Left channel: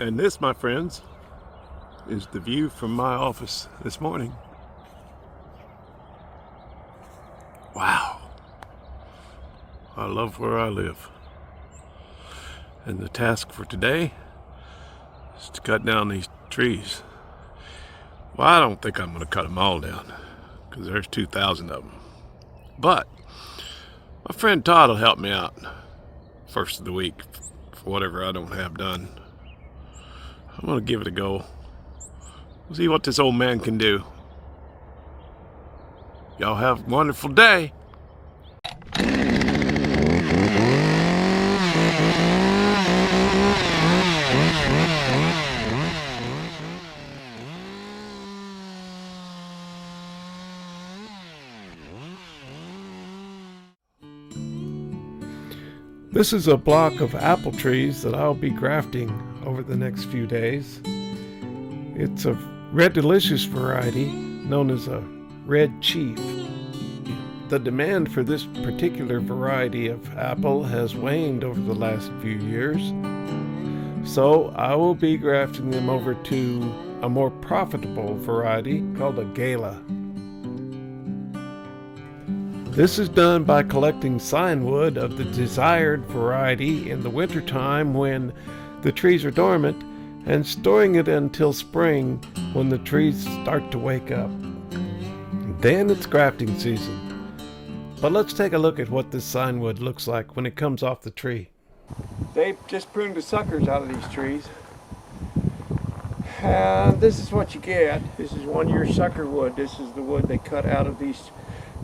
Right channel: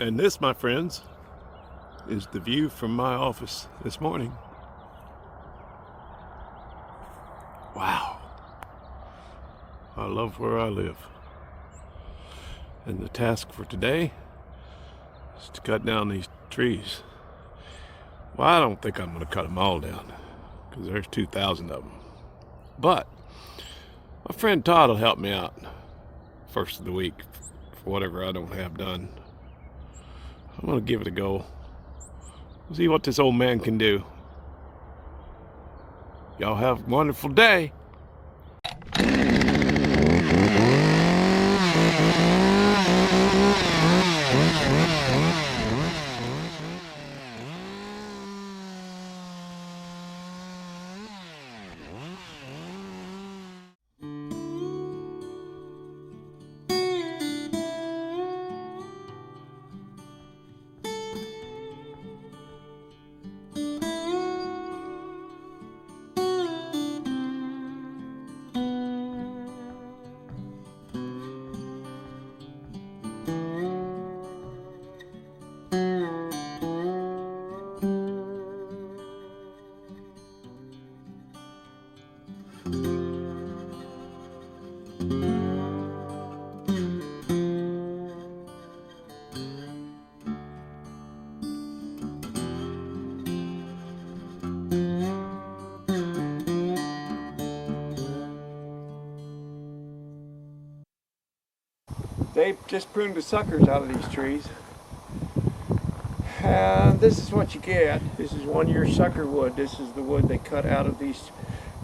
And this, my friends, is the view from my office this morning. Wow. I love where I live. And the task for today is to cut down these trees. Well, I don't think I'm going to cut them all down because there's 2,000 of them. But my friend Todd will help me out first of the week for whatever I don't have done. I'm going to give it a go. We'll see what this old man can do. Y'all have a wonderful day. This is a block of apple trees that I'll be grafting over the next few days. It's a red delicious variety known as a red chief. The demand for this particular variety of apple has waned over the last few years, so I will be grafting them over to a more profitable variety called a gala. This is done by collecting sign wood of the desired variety in the wintertime when the trees are dormant and storing it until spring when the trees start to wake up. Then it's grafting season. But let's take a look at what this sign wood looks like when it comes off the tree. They just pruned the suckers out of these trees. And this is what you get. This is 1 year sucker wood. This is the wood they cut out of these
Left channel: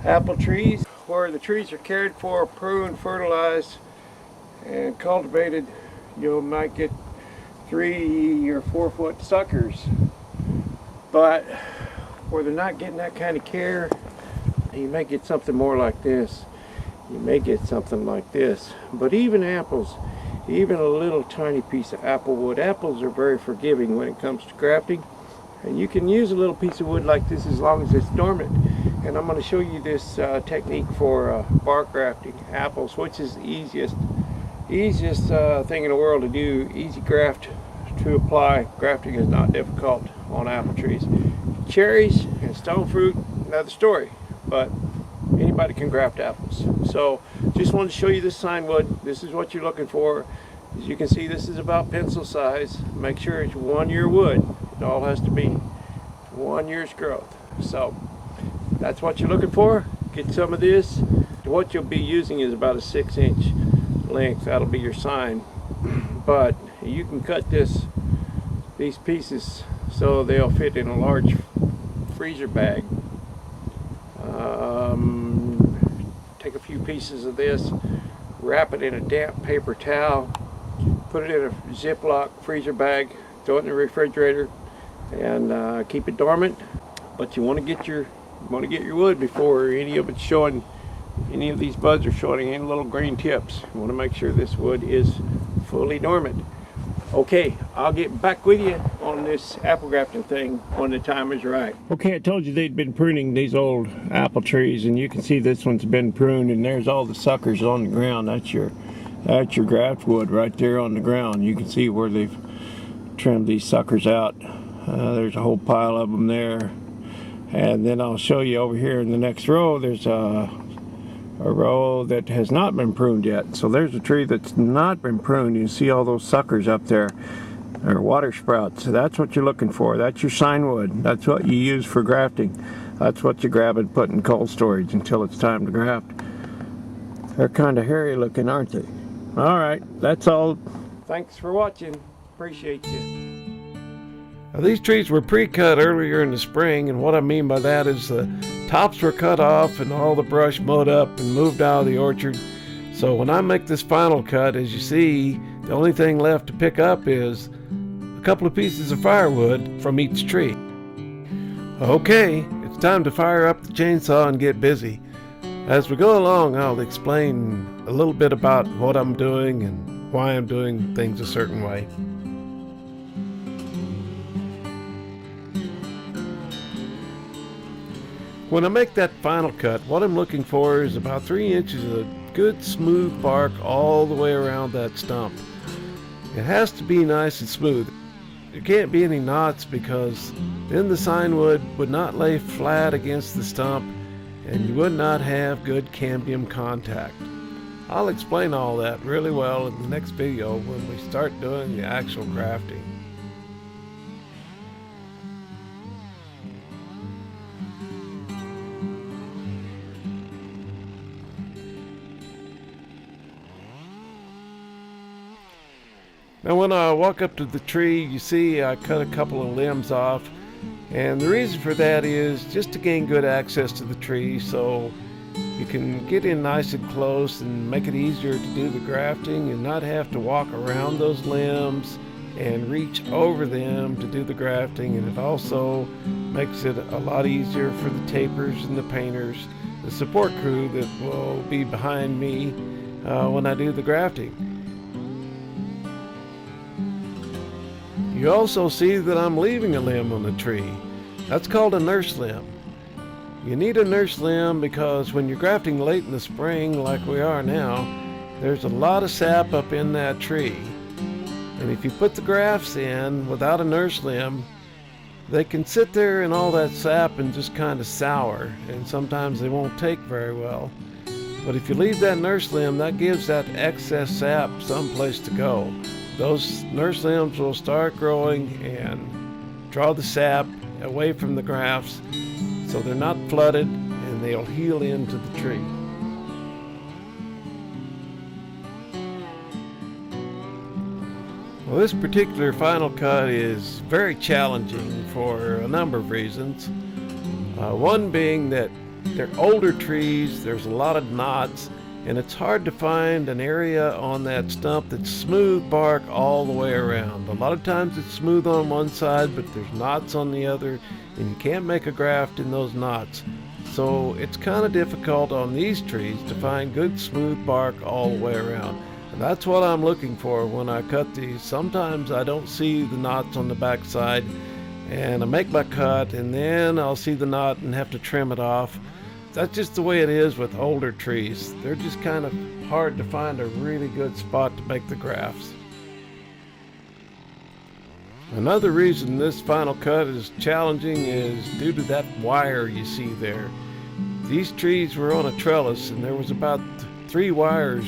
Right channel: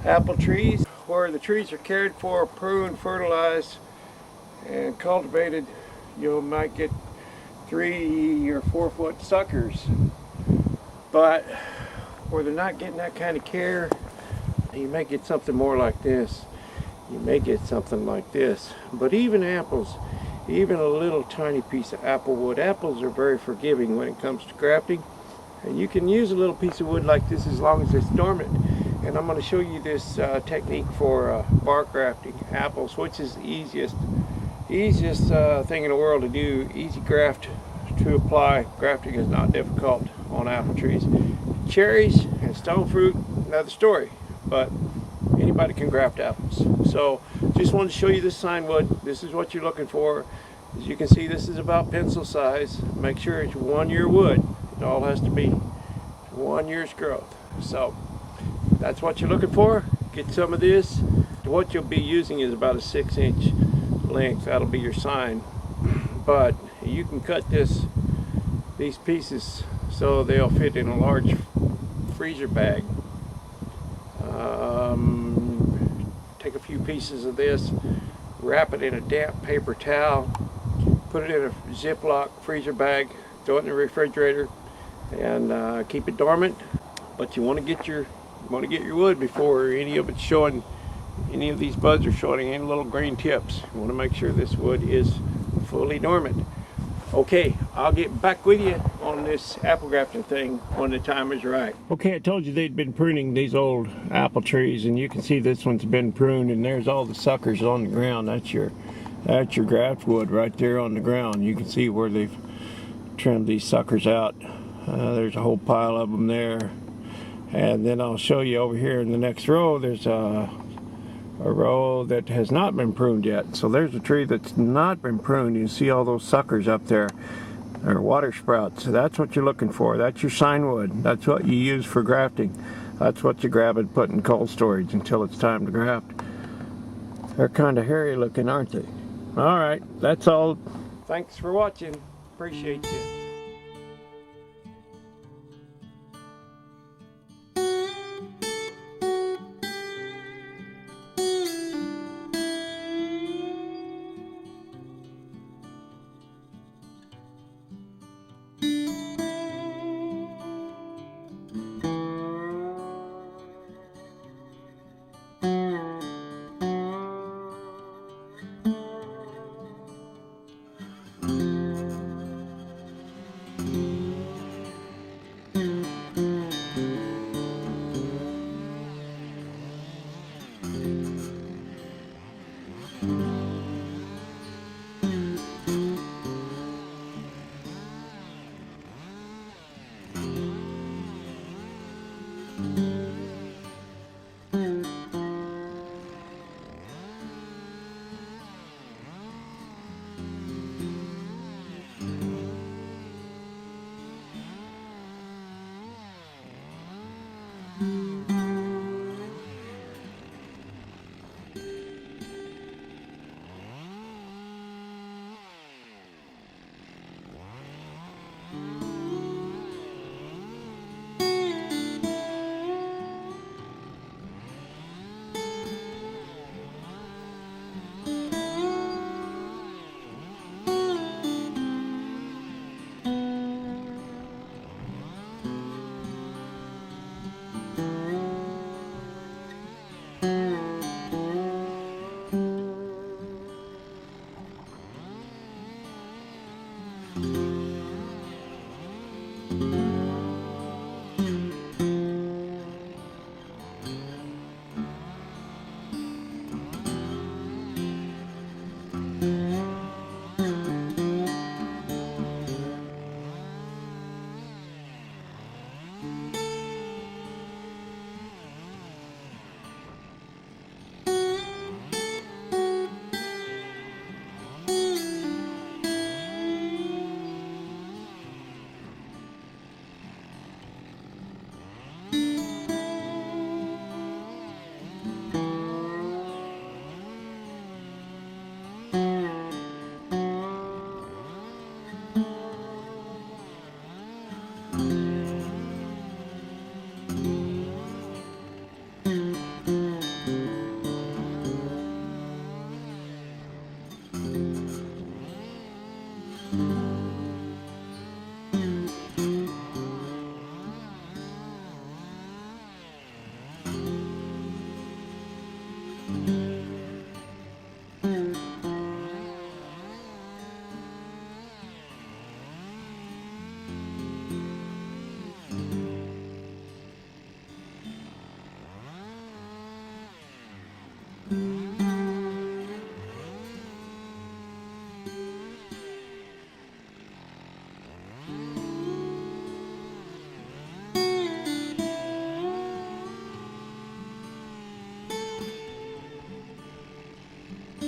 apple trees. Where the trees are cared for, pruned, fertilized, and cultivated, you might get 3 or 4 foot suckers. But where they're not getting that kind of care, you may get something more like this. You may get something like this. But even apples, even a little tiny piece of apple wood, apples are very forgiving when it comes to grafting. And you can use a little piece of wood like this as long as it's dormant. And I'm going to show you this technique for bark grafting apples, which is the easiest thing in the world to do. Easy graft to apply. Grafting is not difficult on apple trees. Cherries and stone fruit, another story, but anybody can graft apples. So just wanted to show you this sign wood. This is what you're looking for. As you can see, this is about pencil size. Make sure it's 1 year wood. It all has to be 1 year's growth. So that's what you're looking for. Get some of this. What you'll be using is about a 6-inch length. That'll be your sign. But you can cut these pieces so they'll fit in a large freezer bag. Take a few pieces of this, wrap it in a damp paper towel, put it in a Ziploc freezer bag, throw it in the refrigerator, and keep it dormant. But you want to get your wood before any of it's showing, any of these buds are showing any little green tips. You want to make sure this wood is fully dormant. Okay, I'll get back with you on this apple grafting thing when the time is right. Okay, I told you they'd been pruning these old apple trees, and you can see this one's been pruned, and there's all the suckers on the ground. That's your graft wood right there on the ground. You can see where they've trimmed these suckers out. There's a whole pile of them there. And then I'll show you over here in the next row, there's a row that has not been pruned yet. So there's a tree that's not been pruned. You see all those suckers up there. They're water sprouts. So that's what you're looking for. That's your sign wood. That's what you use for grafting. That's what you grab and put in cold storage until it's time to graft. They're kind of hairy looking, aren't they? All right, that's all. Thanks for watching. Appreciate you. Now, these trees were pre-cut earlier in the spring, and what I mean by that is the tops were cut off and all the brush mowed up and moved out of the orchard. So when I make this final cut, as you see, the only thing left to pick up is a couple of pieces of firewood from each tree. Okay, it's time to fire up the chainsaw and get busy. As we go along, I'll explain a little bit about what I'm doing and why I'm doing things a certain way. When I make that final cut, what I'm looking for is about 3 inches of good smooth bark all the way around that stump. It has to be nice and smooth. There can't be any knots, because then the sign would not lay flat against the stump and you would not have good cambium contact. I'll explain all that really well in the next video when we start doing the actual grafting. Now when I walk up to the tree, you see I cut a couple of limbs off, and the reason for that is just to gain good access to the tree, so you can get in nice and close and make it easier to do the grafting and not have to walk around those limbs and reach over them to do the grafting. And it also makes it a lot easier for the tapers and the painters, the support crew that will be behind me when I do the grafting. You also see that I'm leaving a limb on the tree. That's called a nurse limb. You need a nurse limb because when you're grafting late in the spring like we are now, there's a lot of sap up in that tree. And if you put the grafts in without a nurse limb, they can sit there in all that sap and just kind of sour, and sometimes they won't take very well. But if you leave that nurse limb, that gives that excess sap someplace to go. Those nurse limbs will start growing and draw the sap away from the grafts so they're not flooded, and they'll heal into the tree. Well, this particular final cut is very challenging for a number of reasons. One being that they're older trees, there's a lot of knots, and it's hard to find an area on that stump that's smooth bark all the way around. A lot of times it's smooth on one side, but there's knots on the other, and you can't make a graft in those knots. So it's kind of difficult on these trees to find good smooth bark all the way around. And that's what I'm looking for when I cut these. Sometimes I don't see the knots on the back side, and I make my cut, and then I'll see the knot and have to trim it off. That's just the way it is with older trees. They're just kind of hard to find a really good spot to make the grafts. Another reason this final cut is challenging is due to that wire you see there. These trees were on a trellis, and there was about 3 wires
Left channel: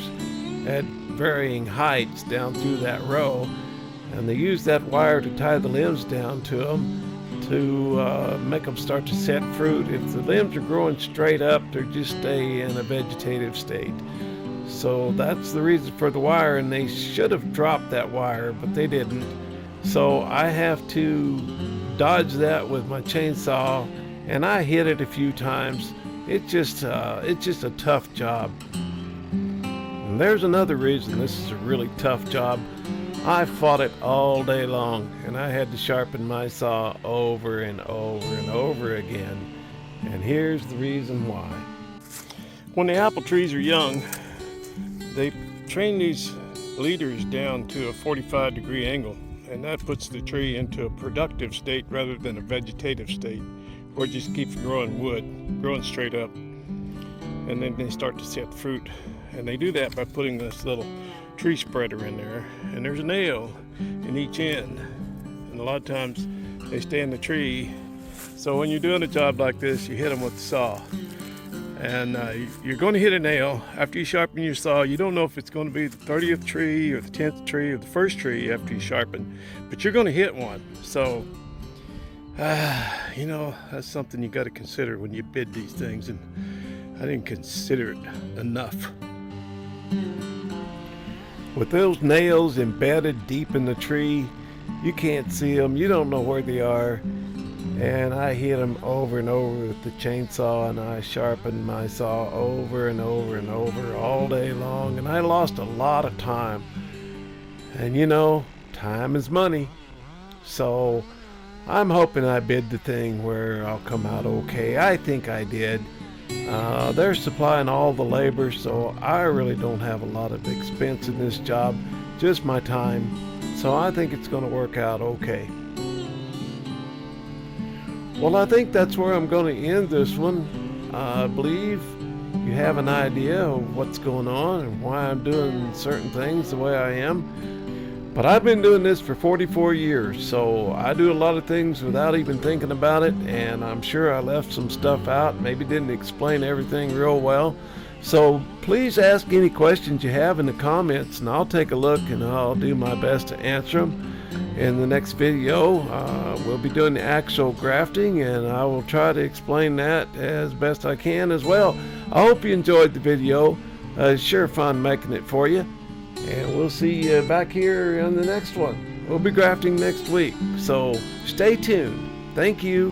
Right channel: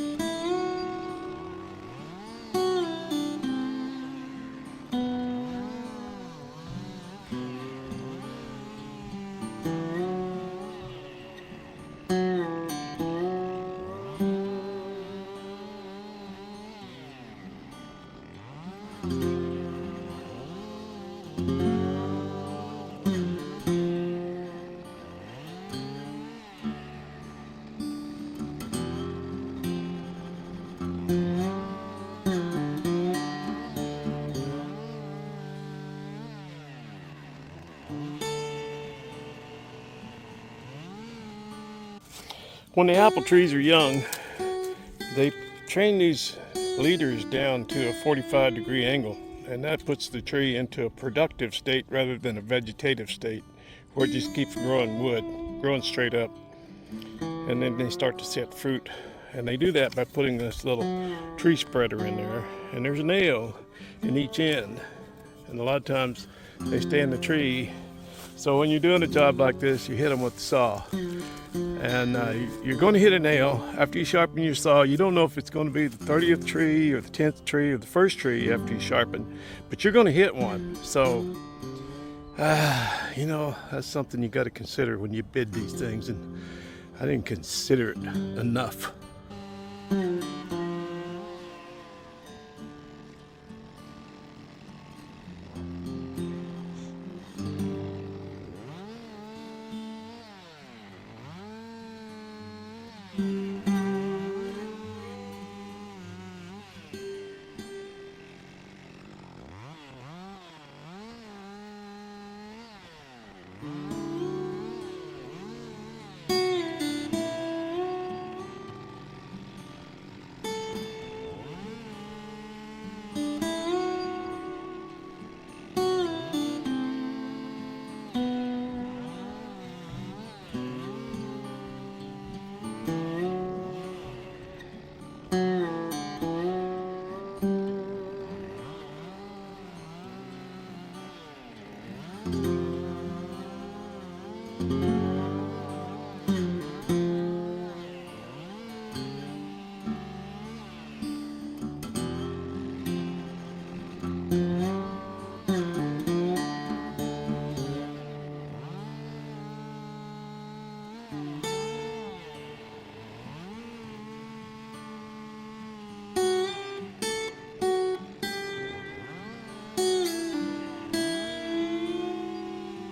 at varying heights down through that row, and they used that wire to tie the limbs down to them to make them start to set fruit. If the limbs are growing straight up, they just stay in a vegetative state. So that's the reason for the wire, and they should have dropped that wire, but they didn't. So I have to dodge that with my chainsaw, and I hit it a few times. It's just a tough job. And there's another reason this is a really tough job. I fought it all day long, and I had to sharpen my saw over and over and over again. And here's the reason why. When the apple trees are young, they train these leaders down to a 45-degree angle, and that puts the tree into a productive state rather than a vegetative state, where it just keeps growing wood, growing straight up, and then they start to set fruit. And they do that by putting this little tree spreader in there, and there's a nail in each end, and a lot of times they stay in the tree. So when you're doing a job like this, you hit them with the saw, and you're going to hit a nail. After you sharpen your saw, you don't know if it's going to be the 30th tree or the 10th tree or the first tree after you sharpen, but you're going to hit one. So you know, that's something you got to consider when you bid these things, and I didn't consider it enough. With those nails embedded deep in the tree, you can't see them, you don't know where they are, and I hit them over and over with the chainsaw, and I sharpened my saw over and over and over all day long, and I lost a lot of time. And you know, time is money, so I'm hoping I bid the thing where I'll come out okay. I think I did. They're supplying all the labor, so I really don't have a lot of expense in this job, just my time. So I think it's going to work out okay. Well, I think that's where I'm going to end this one. I believe you have an idea of what's going on and why I'm doing certain things the way I am. But I've been doing this for 44 years, so I do a lot of things without even thinking about it, and I'm sure I left some stuff out, maybe didn't explain everything real well. So please ask any questions you have in the comments, and I'll take a look and I'll do my best to answer them. In the next video, we'll be doing the actual grafting, and I will try to explain that as best I can as well. I hope you enjoyed the video. It's sure fun making it for you. And we'll see you back here on the next one. We'll be grafting next week, so stay tuned. Thank you.